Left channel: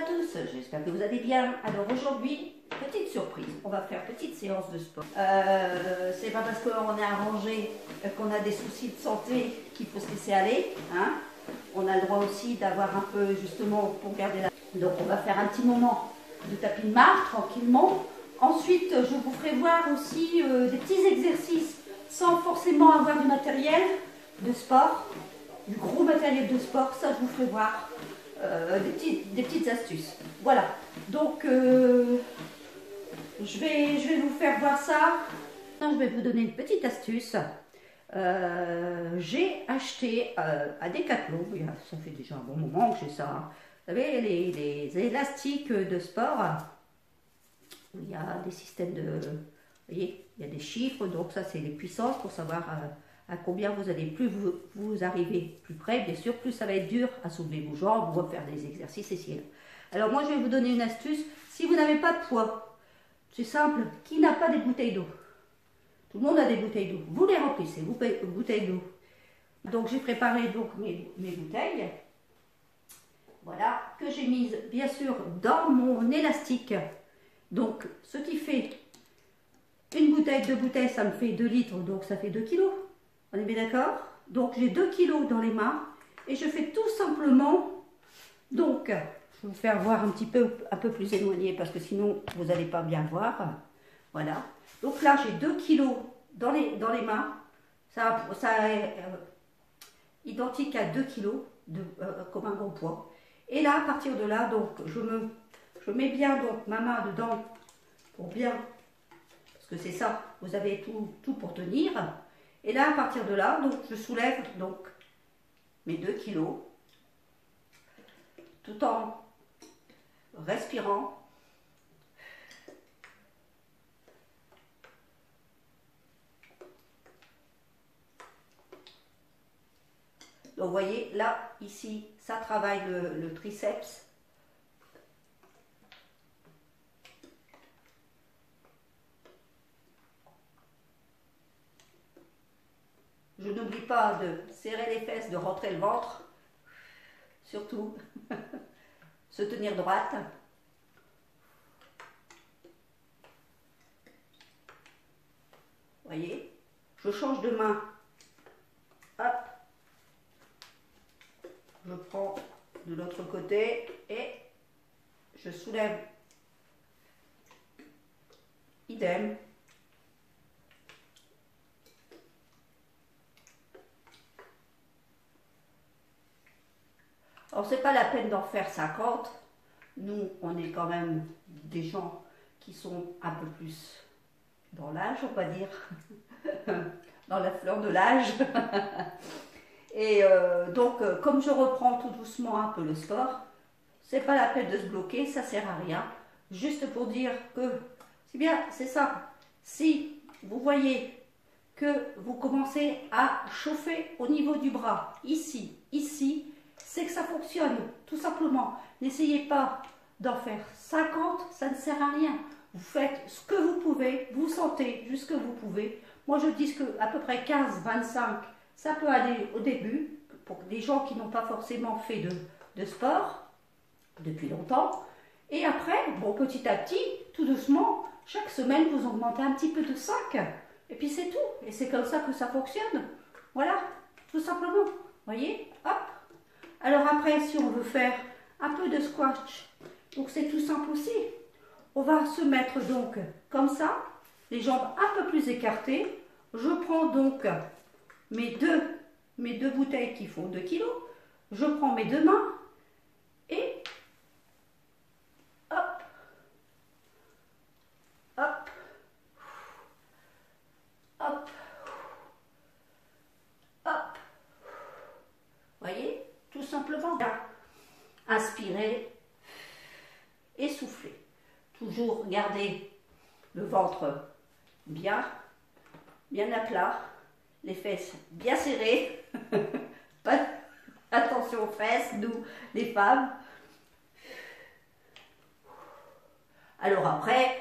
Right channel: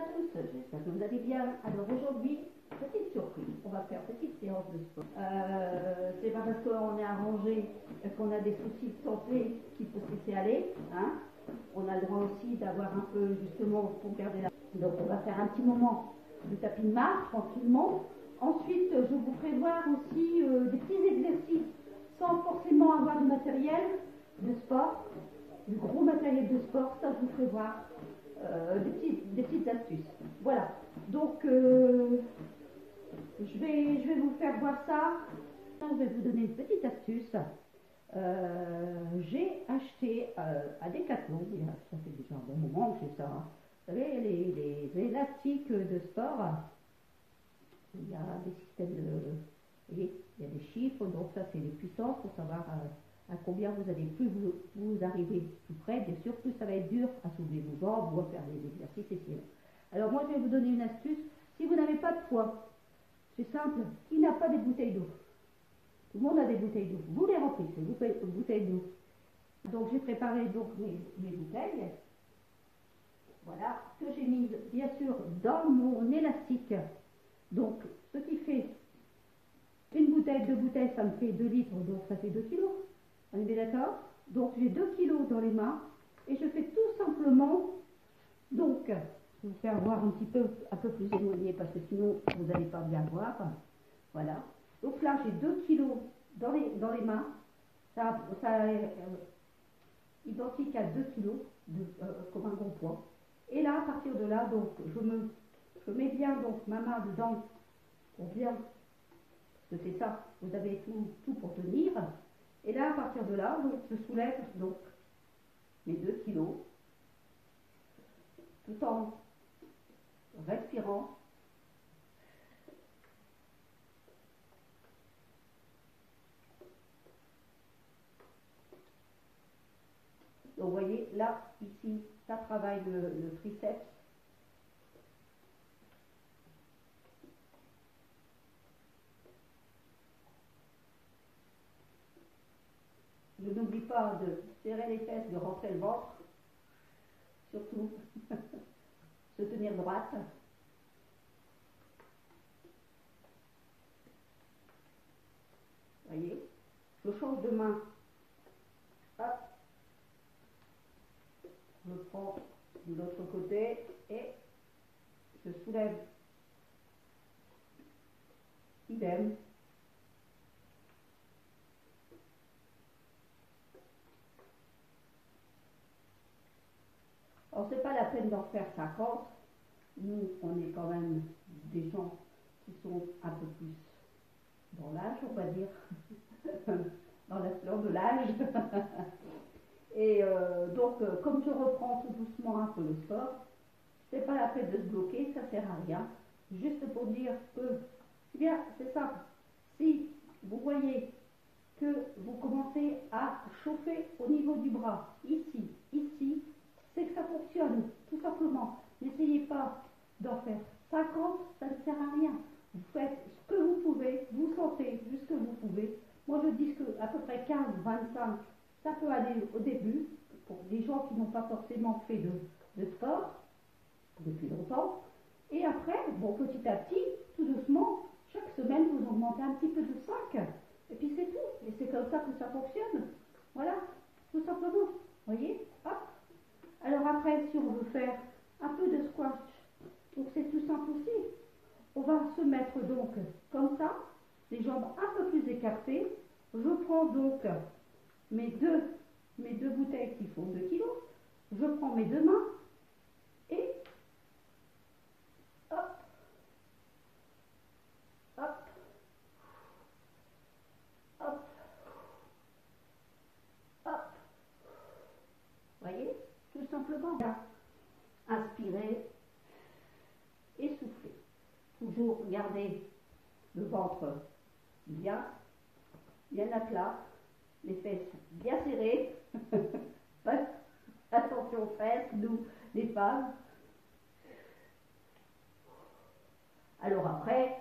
à tous, j'espère que vous allez bien. Alors aujourd'hui, petite surprise, on va faire petite séance de sport. C'est pas parce qu'on est arrangé qu'on a des soucis de santé qu'il faut se laisser aller. Hein. On a le droit aussi d'avoir un peu justement pour garder la... Donc on va faire un petit moment de tapis de marche tranquillement. Ensuite, je vous ferai voir aussi des petits exercices sans forcément avoir du matériel de sport, du gros matériel de sport, ça je vous ferai voir. Des petites astuces. Voilà. Donc, je vais vous faire voir ça. Je vais vous donner une petite astuce. J'ai acheté à Decathlon, ça fait déjà un bon moment que j'ai ça. Hein. Vous savez, les élastiques de sport. Il y a des systèmes de... Vous voyez, il y a des chiffres, donc ça c'est les puissances pour savoir à combien vous allez, plus vous arrivez plus près, bien sûr, plus ça va être dur à soulever vos jambes ou à faire des exercices ici. Alors moi je vais vous donner une astuce, si vous n'avez pas de poids, c'est simple, qui n'a pas des bouteilles d'eau? Tout le monde a des bouteilles d'eau, vous les remplissez, vous bouteilles d'eau. Donc j'ai préparé donc mes bouteilles, voilà, que j'ai mises bien sûr dans mon élastique. Donc ce qui fait une bouteille, 2 bouteilles, ça me fait 2 litres, donc ça fait 2 kilos. On est bien d'accord? Donc j'ai 2 kilos dans les mains et je fais tout simplement, donc je vais vous faire voir un peu plus éloigné parce que sinon vous n'allez pas bien voir. Voilà. Donc là j'ai 2 kilos dans les mains, ça est identique à 2 kilos comme un bon poids. Et là à partir de là, donc je mets bien donc ma main dedans pour bien, parce que c'est ça, vous avez tout pour tenir. Et là, à partir de là, donc, je soulève donc mes 2 kilos tout en respirant. Donc, vous voyez, là, ici, ça travaille le triceps. Je n'oublie pas de serrer les fesses, de rentrer le ventre, surtout, se tenir droite. Voyez, je change de main, hop, je prends de l'autre côté et je soulève, idem. Alors, c'est pas la peine d'en faire 50. Nous, on est quand même des gens qui sont un peu plus dans l'âge, on va dire, dans la fleur de l'âge. Et donc, comme je reprends tout doucement un peu le sport, c'est pas la peine de se bloquer, ça sert à rien. Juste pour dire que, c'est bien, c'est ça. Si vous voyez que vous commencez à chauffer au niveau du bras, ici, c'est que ça fonctionne, tout simplement. N'essayez pas d'en faire 50, ça ne sert à rien. Vous faites ce que vous pouvez, vous sentez jusque vous pouvez. Moi, je dis que à peu près 15-25, ça peut aller au début, pour les gens qui n'ont pas forcément fait de sport depuis longtemps. Et après, bon, petit à petit, tout doucement, chaque semaine, vous augmentez un petit peu de 5. Et puis c'est tout. Et c'est comme ça que ça fonctionne. Voilà, tout simplement. Vous voyez, hop. Alors après, si on veut faire un peu de squash, donc c'est tout simple aussi. On va se mettre donc comme ça, les jambes un peu plus écartées. Je prends donc mes deux bouteilles qui font 2 kilos. Je prends mes 2 mains et hop, hop, hop, hop. Voyez, tout simplement. Inspirez et soufflez. Toujours garder le ventre bien à plat, les fesses bien serrées. Pas attention aux fesses, nous les femmes. Alors après,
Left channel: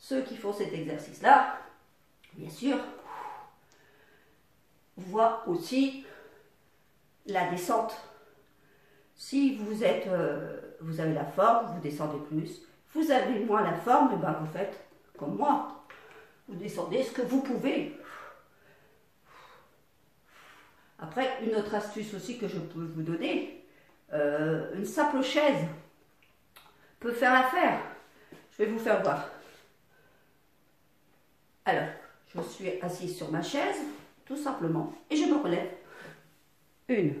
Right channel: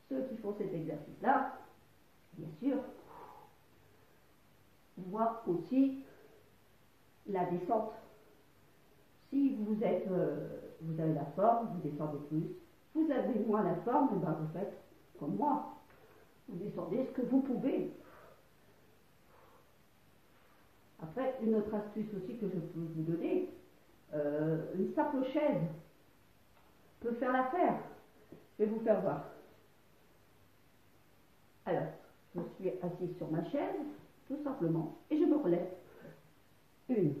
ceux qui font cet exercice-là, bien sûr, voient aussi la descente Si vous êtes, vous avez la forme, vous descendez plus. Vous avez moins la forme, et ben vous faites comme moi. Vous descendez ce que vous pouvez. Après, une autre astuce aussi que je peux vous donner, une simple chaise peut faire l'affaire. Je vais vous faire voir. Alors, je suis assise sur ma chaise, tout simplement, et je me relève. 1,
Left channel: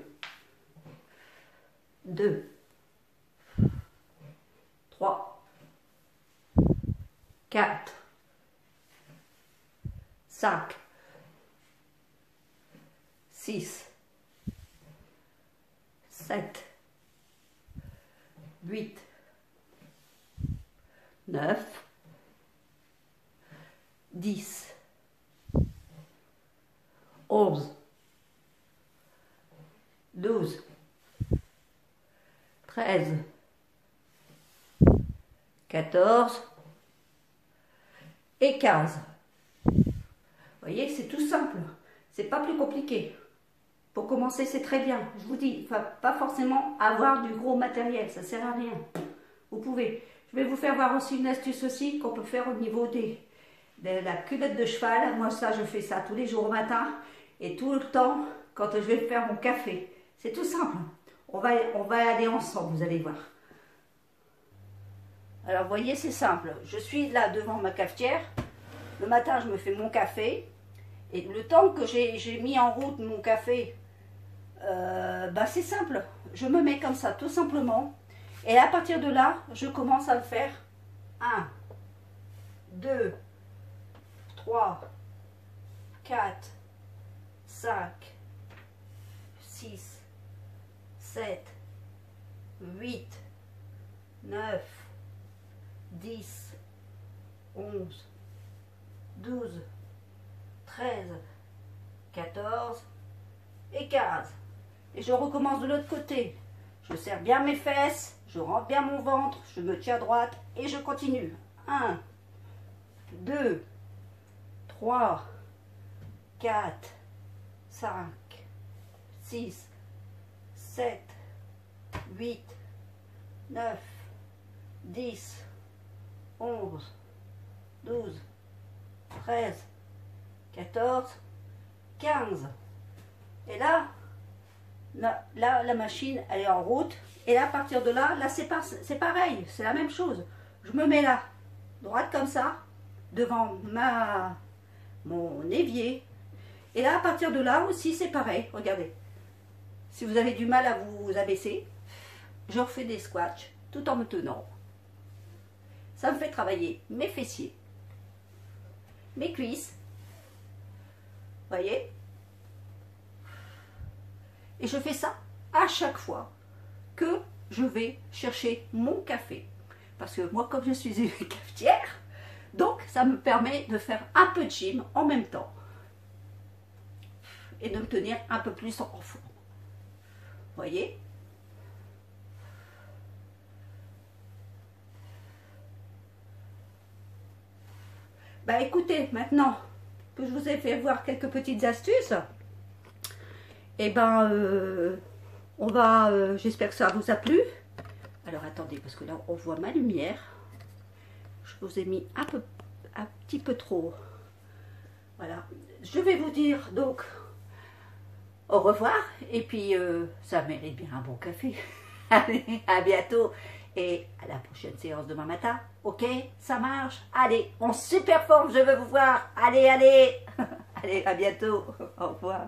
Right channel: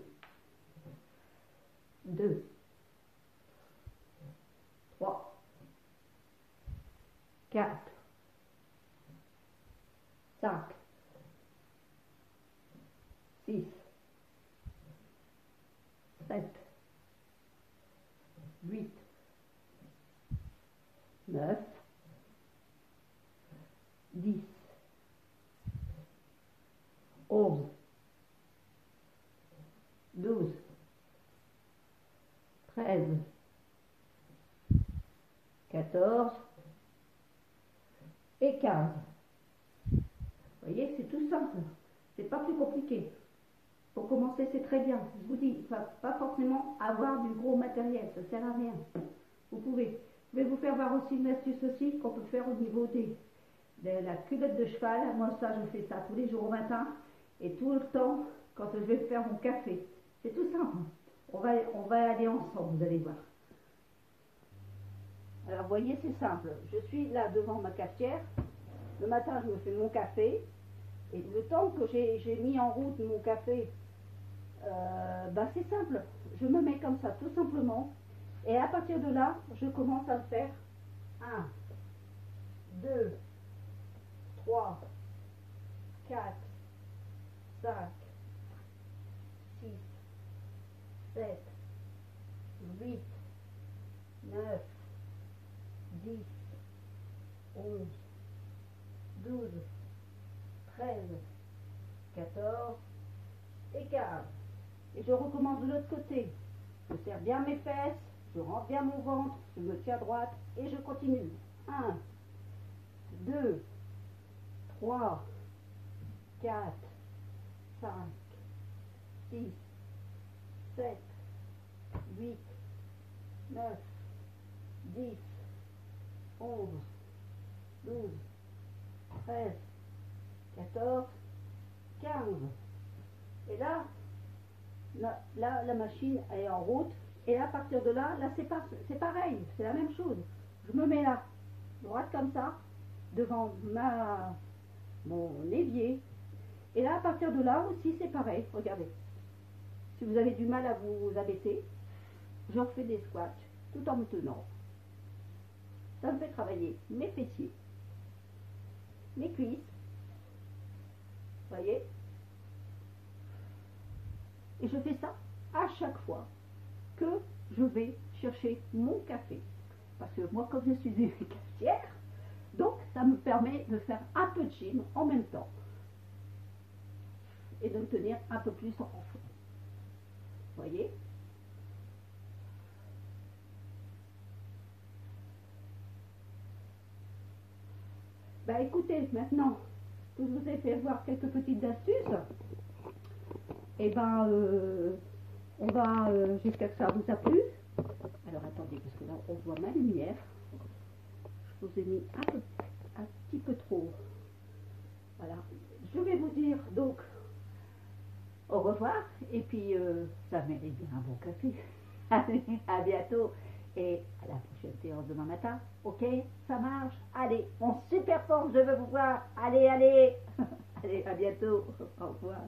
2, 3, 4, 5, 6, 7, 8, 9, 10, 11, 12, 13, 14 et 15. Vous voyez, c'est tout simple. C'est pas plus compliqué. Pour commencer, c'est très bien. Je vous dis, pas forcément avoir du gros matériel, ça sert à rien. Vous pouvez. Je vais vous faire voir aussi une astuce aussi qu'on peut faire au niveau de la culotte de cheval. Moi, ça, je fais ça tous les jours au matin et tout le temps quand je vais faire mon café. C'est tout simple. On va aller ensemble, vous allez voir. Alors, vous voyez, c'est simple. Je suis là devant ma cafetière. Le matin, je me fais mon café. Et le temps que j'ai mis en route mon café, c'est simple. Je me mets comme ça, tout simplement. Et à partir de là, je commence à le faire. 1, 2, 3, 4, 5, 6, 7, 8, 9, 10, 11, 12, 13, 14 et 15. Et je recommence de l'autre côté. Je serre bien mes fesses, je rentre bien mon ventre, je me tiens droite et je continue. 1, 2, 3, 4, 5, 6, 7, 8, 9, 10, 11, 12, 13, 14, 15. Et là, la machine, elle est en route. Et là, à partir de là, c'est pareil, c'est la même chose. Je me mets là, droite comme ça, devant mon évier. Et là, à partir de là aussi, c'est pareil. Regardez. Si vous avez du mal à vous abaisser, je refais des squats tout en me tenant. Ça me fait travailler mes fessiers, mes cuisses. Voyez? Et je fais ça à chaque fois que je vais chercher mon café. Parce que moi, comme je suis une cafetière, donc ça me permet de faire un peu de gym en même temps. Et de me tenir un peu plus en forme. Voyez? Bah écoutez, maintenant que je vous ai fait voir quelques petites astuces, et j'espère que ça vous a plu. Alors attendez, parce que là on voit ma lumière. Je vous ai mis un petit peu trop. Voilà. Je vais vous dire donc au revoir. Et puis ça mérite bien un bon café. Allez, à bientôt. Et à la prochaine séance demain matin. Ok, ça marche. Allez, en super forme, je veux vous voir. Allez, allez. Allez, à bientôt. Au revoir.